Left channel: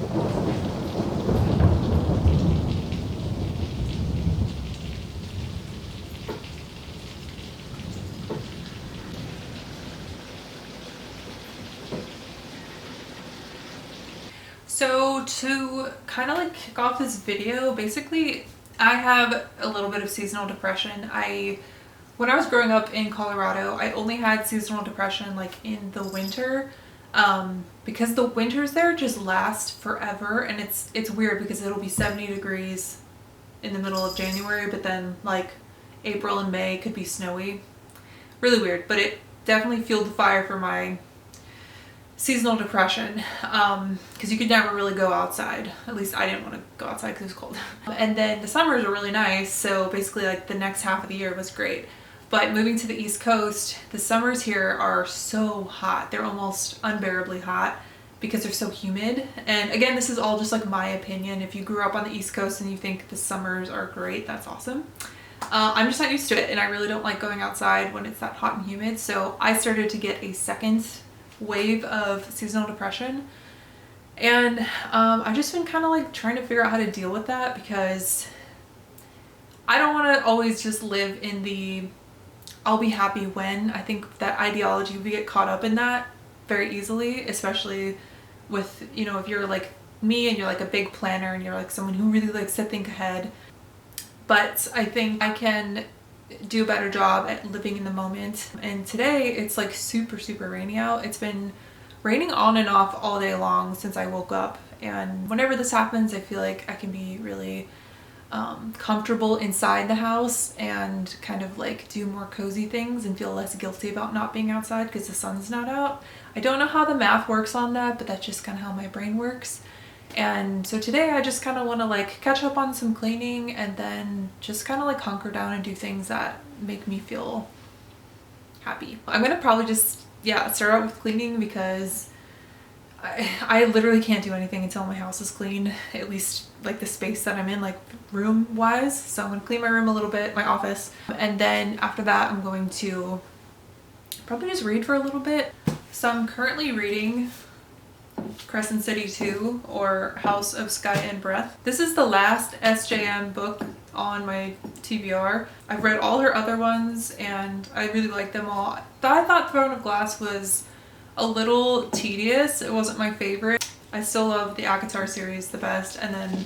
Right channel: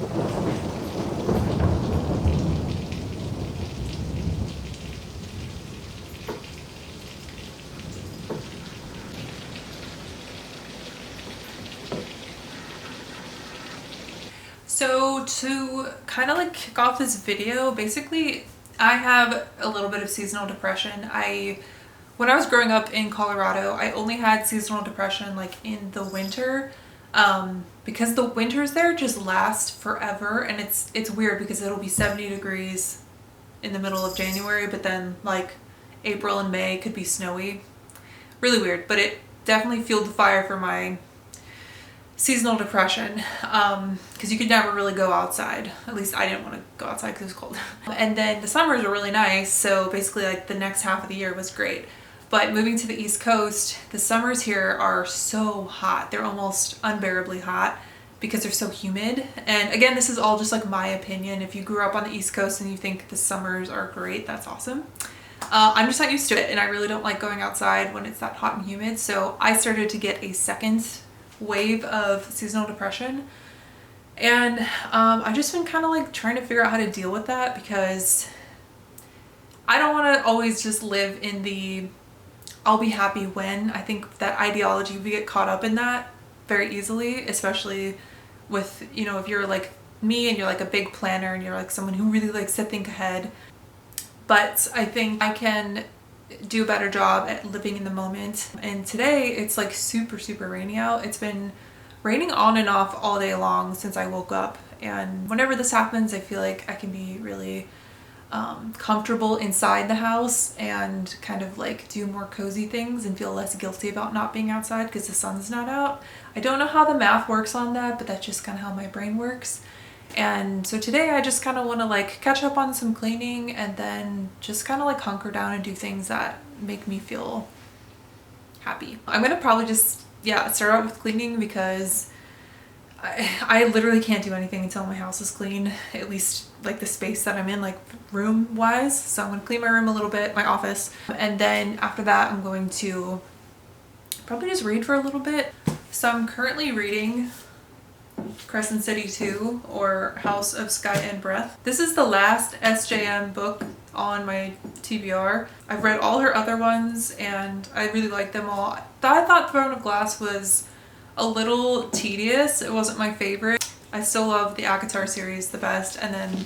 So to kind of like kick off this video, basically I have a little bit of seasonal depression. When I was growing up in Colorado, I only had seasonal depression like in the winter, because the winters there just last forever, and it's weird because it'll be 70 degrees in the middle of January, but then like April and May could be snowy. Really weird, but it definitely fueled the fire for my seasonal depression, because you could never really go outside. At least I didn't want to go outside because it was cold. And then the summers are really nice, so basically like the next half of the year was great. But moving to the East Coast, the summers here are so hot. They're almost unbearably hot because they're so humid. And again, this is all just like my opinion. If you grew up on the East Coast and you think the summers are great, that's awesome. I'm just not used to it, and I really don't like going outside when it's that hot and humid. So I started to get a second wave of seasonal depression, and I've just been kind of like trying to figure out how to deal with that, because I don't want to always just live in the I'll be happy when. I think that ideology, we get caught up in that very easily, especially with, you know, if you're like me and you're like a big planner and you're like someone who really likes to think ahead. But I think I can do a better job at living in the moment. And today it's like super rainy out. It's been raining on and off all day long since I woke up, and whenever this happens I feel like I can be really comfortable inside the house and kind of like do more cozy things and feel less guilty about not being outside because the sun's not out. I don't know how the math works on that, but that's just kind of how my brain works. And so today I just kind of want to like catch up on some cleaning and then just kind of like hunker down and do things that make me feel happy. I'm gonna probably just, yeah, start out with cleaning, because I literally can't do anything until my house is clean, at least like the space that I'm in, like room wise. So I'm gonna clean my room a little bit, my office, and then after that I'm going to probably just read for a little bit. So I'm currently reading Crescent City 2, or House of Sky and Breath. This is the last SJM book on my TBR. I've read all her other ones and I really like them all. I thought Throne of Glass was a little tedious. It wasn't my favorite. I still love the ACOTAR series the best, and then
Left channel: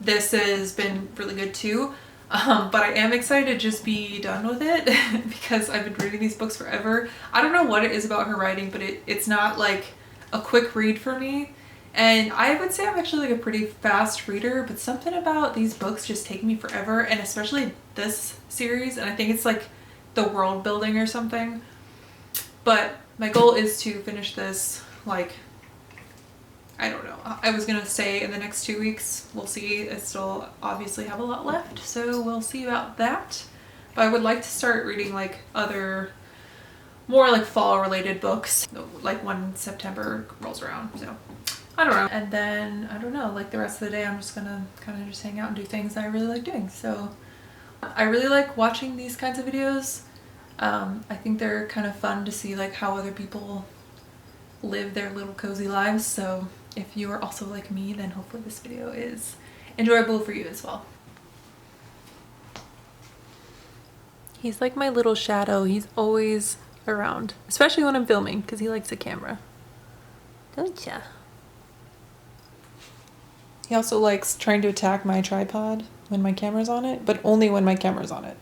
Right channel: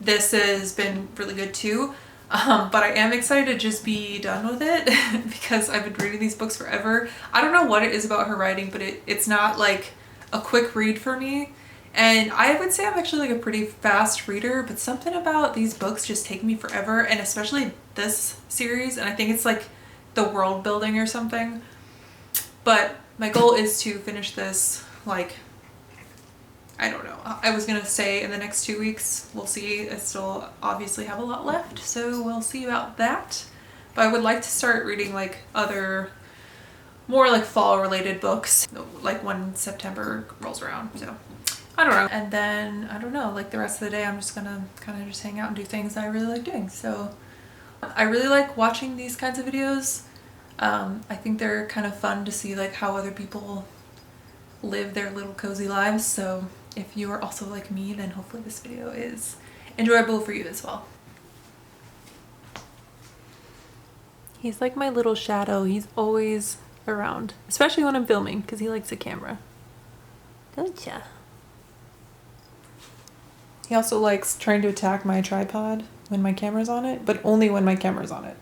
this has been really good too. But I am excited to just be done with it because I've been reading these books forever. I don't know what it is about her writing, but it's not like a quick read for me. And I would say I'm actually like a pretty fast reader, but something about these books just take me forever, and especially this series, and I think it's like the world building or something. But my goal is to finish this, like, I don't know. I was gonna say in the next 2 weeks. We'll see. I still obviously have a lot left, so we'll see about that. But I would like to start reading like other more like fall related books, like when September rolls around. So I don't know. And then I don't know, like the rest of the day I'm just gonna kind of just hang out and do things that I really like doing. So I really like watching these kinds of videos. I think they're kind of fun to see like how other people live their little cozy lives. So if you are also like me, then hopefully this video is enjoyable for you as well. He's like my little shadow. He's always around, especially when I'm filming, because he likes a camera. Don't ya? He also likes trying to attack my tripod when my camera's on it, but only when my camera's on it.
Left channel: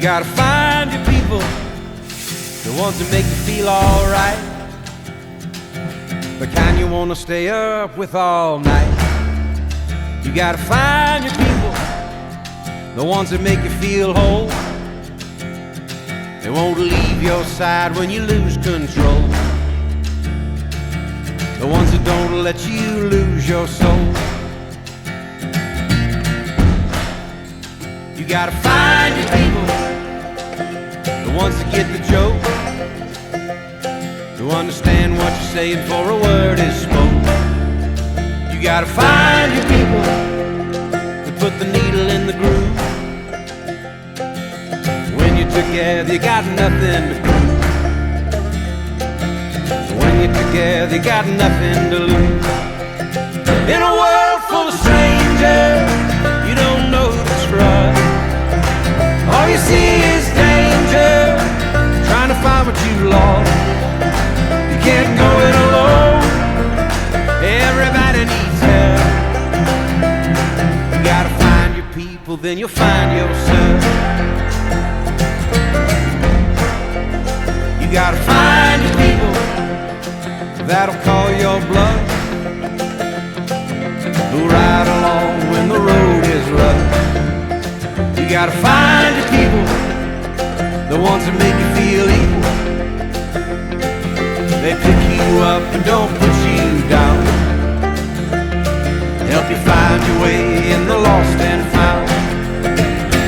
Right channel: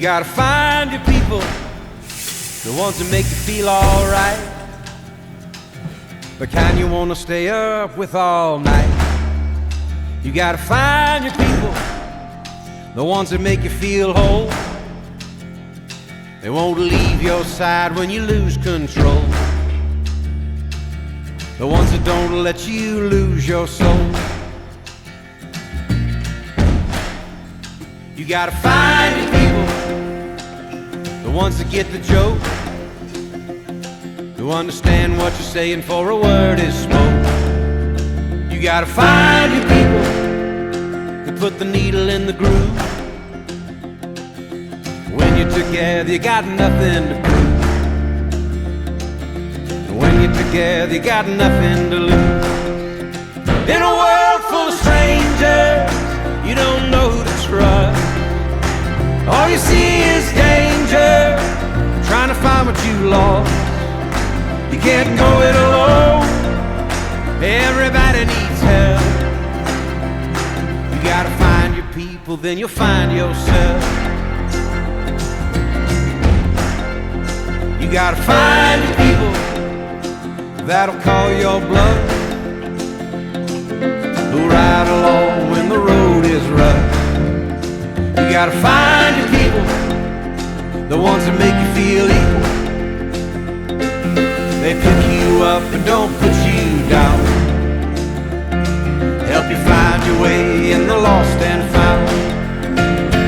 gotta find your people, the ones that make you feel alright, the kind you wanna stay up with all night. You gotta find your people, the ones that make you feel whole. They won't leave your side when you lose control. The ones that don't let you lose your soul. You gotta find your people, the ones that get the joke, who understand what you're saying before a word is spoke. You gotta find your people that put the needle in the groove. When you're together, you got nothing to prove. When you're together, you got nothing to lose. In a world full of strangers, you don't know who to trust. All you see is danger, trying to find what you lost. You can't go it alone, everybody needs help. You gotta find your people, then you'll find yourself. You gotta find your people that'll call your bluff, who ride along when the road is rough. You gotta find your people, the ones that make you feel equal. They pick you up and don't put you down, help you find your way in the lost and found.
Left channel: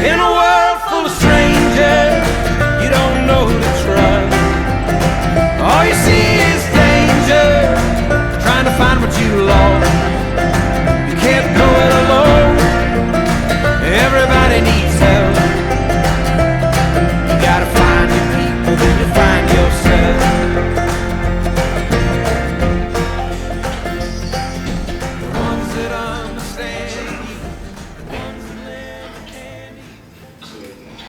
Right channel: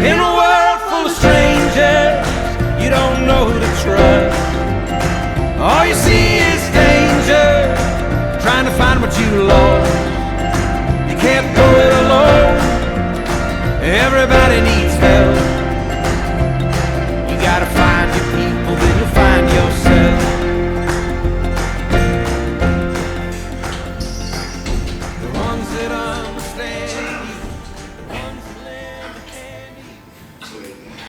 In a world full of strangers, you don't know who to trust. All you see is danger, trying to find what you lost. You can't go it alone, everybody needs